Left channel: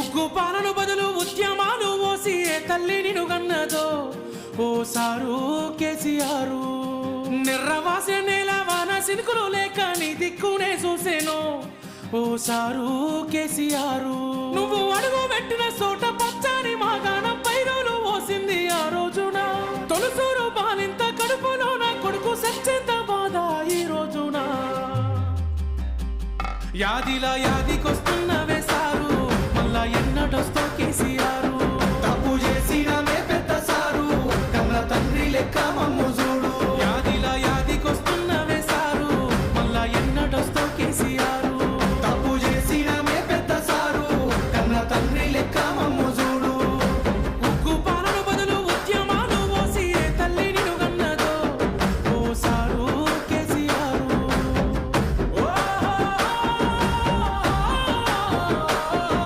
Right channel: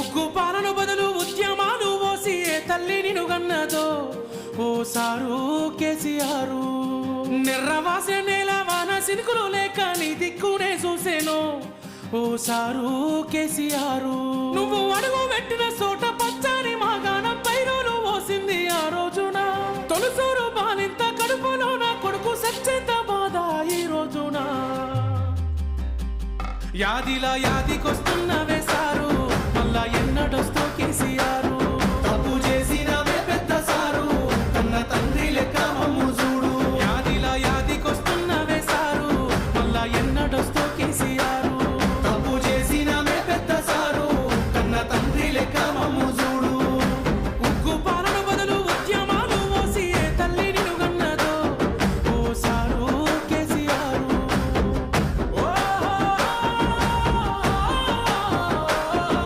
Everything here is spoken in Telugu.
ఉగ్గు పాలను బదులు ఉద్యమాలు ఓసి ఏ తల్లి నిను గన్నదో ఓ సారు కేసీఆర్. నిర్రవాసే నేల వాన సినుకులు లేక నీ దిక్కునే చూసేను ఓ సారు కేసీఆర్. నువ్వు అడుగు పెట్టిన చోట పచ్చని మాగాణం పైరులు ఓసింది ఆ రోజున. తొలుసూరు బాలింత కడుపులో నా కొడుకు సచ్చేంత బాధ ఈ రోజున. యాదిలా యాదికొస్తున్నవే సారు మళ్ళా ఎన్నడొస్తో కేసీఆర్. తప్పు చేసినవే పెద్ద సారు కన్న తండ్రి లెక్క మమ్ము చూడు. యాదిలా యాదికొస్తున్నవే సారు మళ్ళా ఎన్నడొస్తో కేసీఆర్.